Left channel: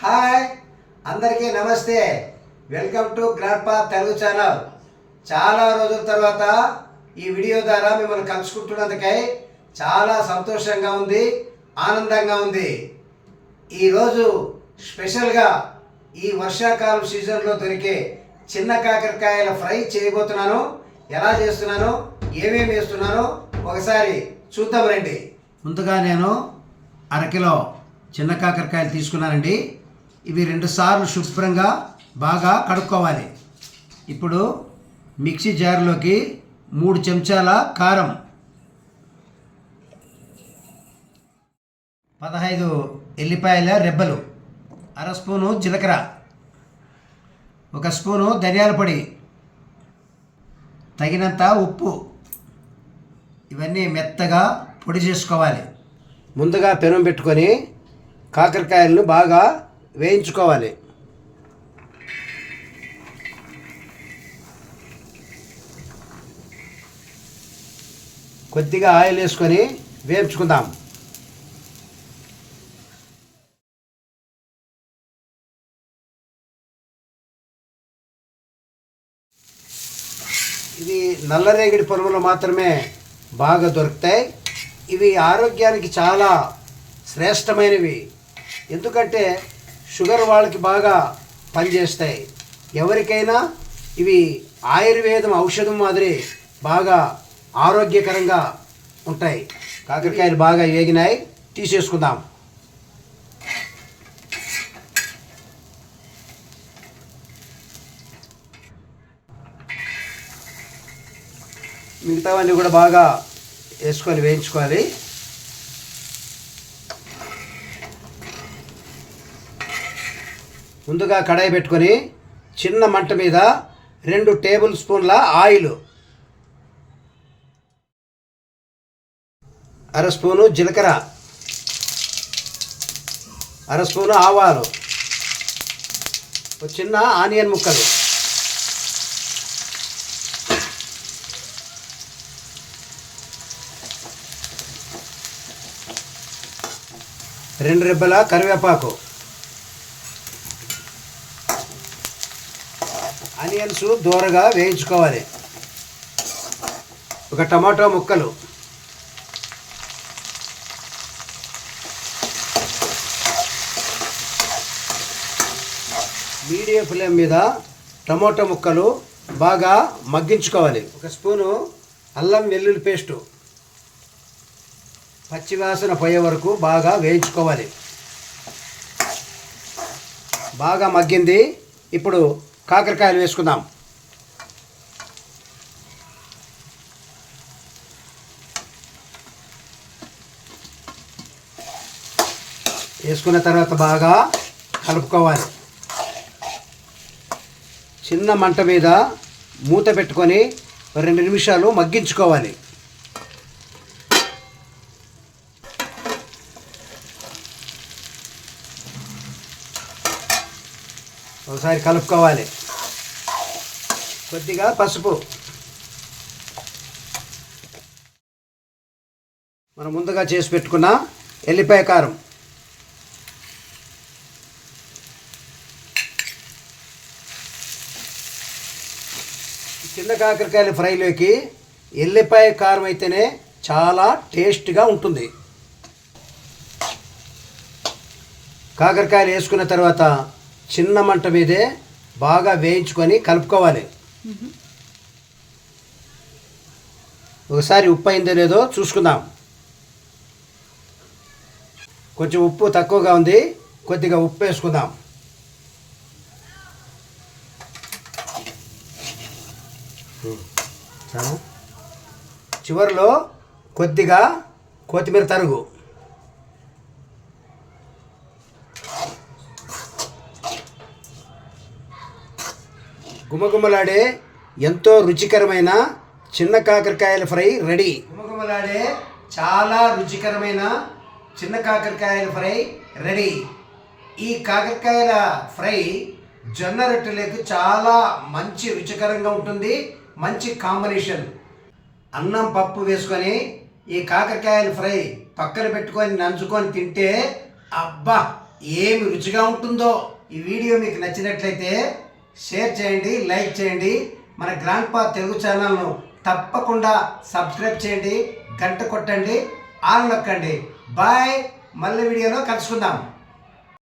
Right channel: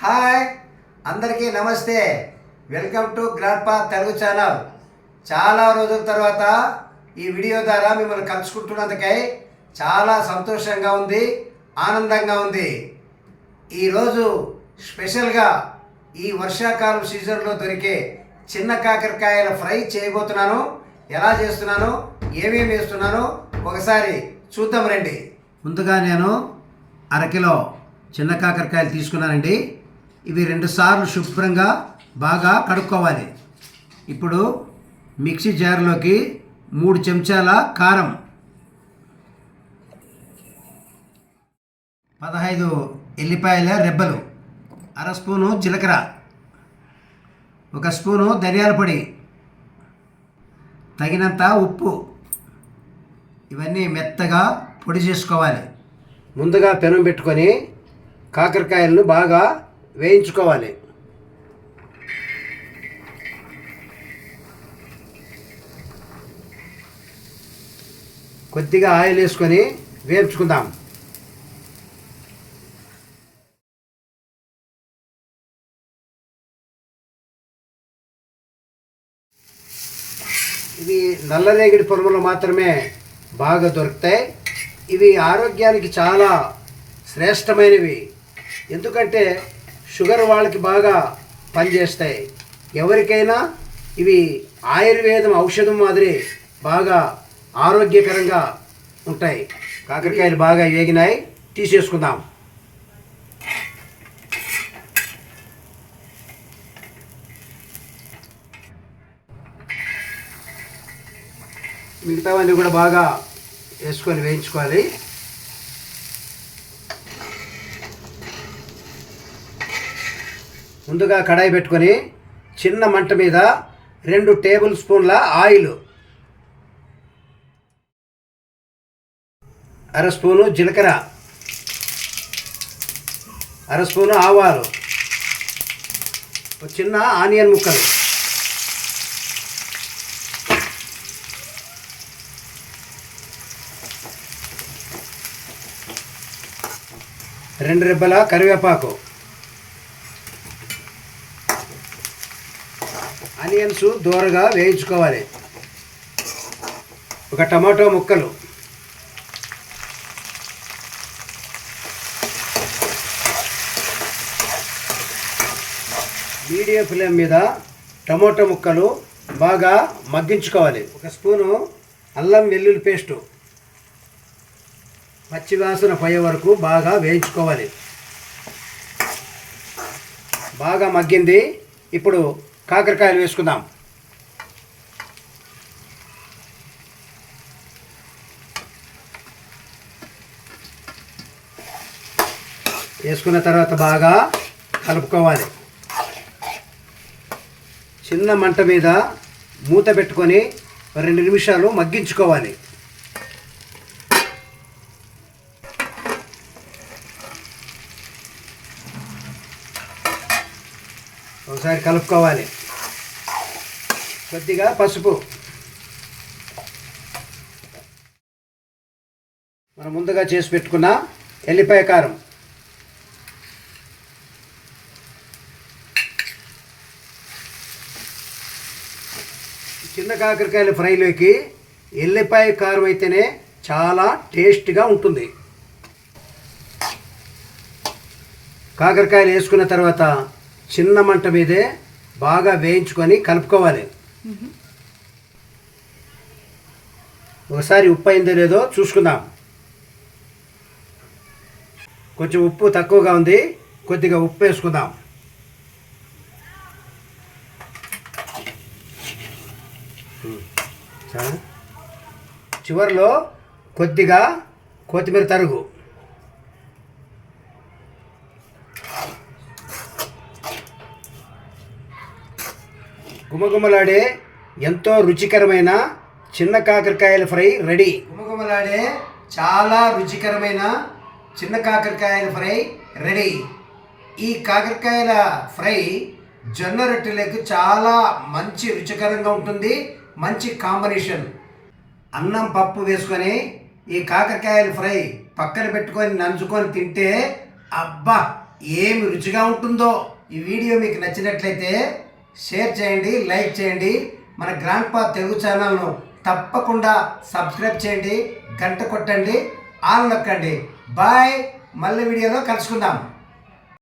Hi అందరికీ నమస్తే. Welcome to grandpa Telugu channel. చాలా రోజుల తర్వాత ఈ వీడియో ద్వారా మిమ్మల్ని కలుసుకుంటున్నందుకై చాలా సంతోషంగా ఉంది ఆనందంగా ఉంది. ఈరోజు స్పెషల్గా ఈ వర్షాకాలం సీజన్లో దొరికే చిన్న కాకరకాయల ఫ్రై చేయబోతున్నాను. ఎలా చేస్తున్నానో ఏమేమి వేస్తున్నానో ఒకసారి చూద్దాం రండి. ముందుగా నేను అరకిలో చిన్న కాకరకాయలు తీసుకున్నానండి. ఇవి రెండు సార్లు శుభ్రంగా బాగా కడుక్కోవాలి. ఇప్పుడు మిక్సీ జార్లోకి మూడు చెంచాల కారం. పదహైదు ఎల్లిపాయల రెబ్బలు. అర స్పూను జీలకర్ర. ఒక స్పూను ధనియాల పొడి. తగినంత ఉప్పు. ఇవన్నీ మెత్తగా పొడి చేసుకోవాలి. ముందుగా పెనం పెట్టుకొని కాకరకాయలను బాగా వేయించుకోవాలి. కొద్దిగా ఆయిల్ వేసుకొని వేయించుకుందాం. ఇవి నల్లరేగిడి పరుగులు మాత్రమే బాగా దొరుకుతాయి. ఇవి ఆరోగ్యానికి చాలా శ్రేష్టమైనవి. ఎందుకంటే షుగర్ వాళ్ళకి బాగా పనిచేస్తాయి. ఎవరికైనా ఇవి ఆయుర్వేదం ఔషధం మాదిరి బాగా ఆరోగ్యకరంగా ఉంటాయి. కాకరకాయలు బాగా వేగినాయి తీసేసుకుందాం. మిగతావన్నీ కూడా బాగా వేసుకొని వేయించుకోవాలి. ముందుగా కడాయి పెట్టుకొని చిన్న మంట మీద రెండు టేబుల్ స్పూన్ల ఆయిల్. అర స్పూను జీలకర్ర. అర స్పూను ఆవాలు. చిన్న ఆనియన్ ముక్కలు. రెండు రెబ్బల కరివేపాకు. ఆనియన్స్ దూరగా వేయించుకోవాలి. ఒక టమాటో ముక్కలు. మీడియం ఫ్లేమ్ మీద టమాటో ముక్కలు బాగా మగ్గించుకోవాలి. ఒక స్పూను అల్లం వెల్లుల్లి పేస్టు. పచ్చివాసన పోయే వరకు బాగా వేయించుకోవాలి. బాగా మగ్గింది. ఇప్పుడు కాకరకాయలు వేసుకుందాం. వేసుకున్న తర్వాత బాగా కలుపుకోవాలి. చిన్న మంట మీద మూత పెట్టుకొని రెండు నిమిషాలు మగ్గించుకోవాలి. ఒకసారి కలుపుకోవాలి. కొద్దిగా పసుపు. మనం ముందుగా చేసి పెట్టుకున్న ఎల్లిపాయ కారం. చిన్న కాకరకాయల ఫ్రైలోకి ఎల్లిపాయ కారం అయితేనే చాలా టేస్ట్గా ఉంటుంది. కాకరకాయలు వేసుకున్న తర్వాత చిన్న మంట మీదే బాగా వేయించుకొని కలుపుకోవాలి. ఒకసారి ఉప్పు అయిందో లేదో చూసుకుందాం. కొంచెం ఉప్పు తక్కువగా ఉంది కొద్దిగా ఉప్పు వేసుకుందాం. చివరిలో కొద్దిగా కొత్తిమీర తరుగు. గుమగుమలాడే ఎంతో రుచికరమైన చిన్న కాకరకాయల ఫ్రై రెడీ. గుమగుమలాడే చాలా రుచికరమైన చిన్న కాకరకాయల ఫ్రై రెడీ. ఈ కాకరకాయల ఫ్రై జొన్న రొట్టెలకు చాలా మంచి రుచికరంగా ఉంటుంది. మంచి కాంబినేషన్. అన్నం పప్పు వేసుకొని ఈ కాకరకాయల ఫ్రై పక్కన పెట్టుకొని నంచుకొని తింటే అబ్బా ఏమి రుచిగా ఉంటుందో. ఈ వీడియో మీకు నచ్చినట్లయితే షేర్ చేయండి లైక్ చేయండి. మన గ్రాండ్ పా తెలుగు ఛానల్ను తప్పకుండా సబ్స్క్రైబ్ చేయండి గంట కొట్టండి ఆన్ నొక్కండి. బాయ్. మళ్ళీ వీడియోలో కలుసుకుందాం.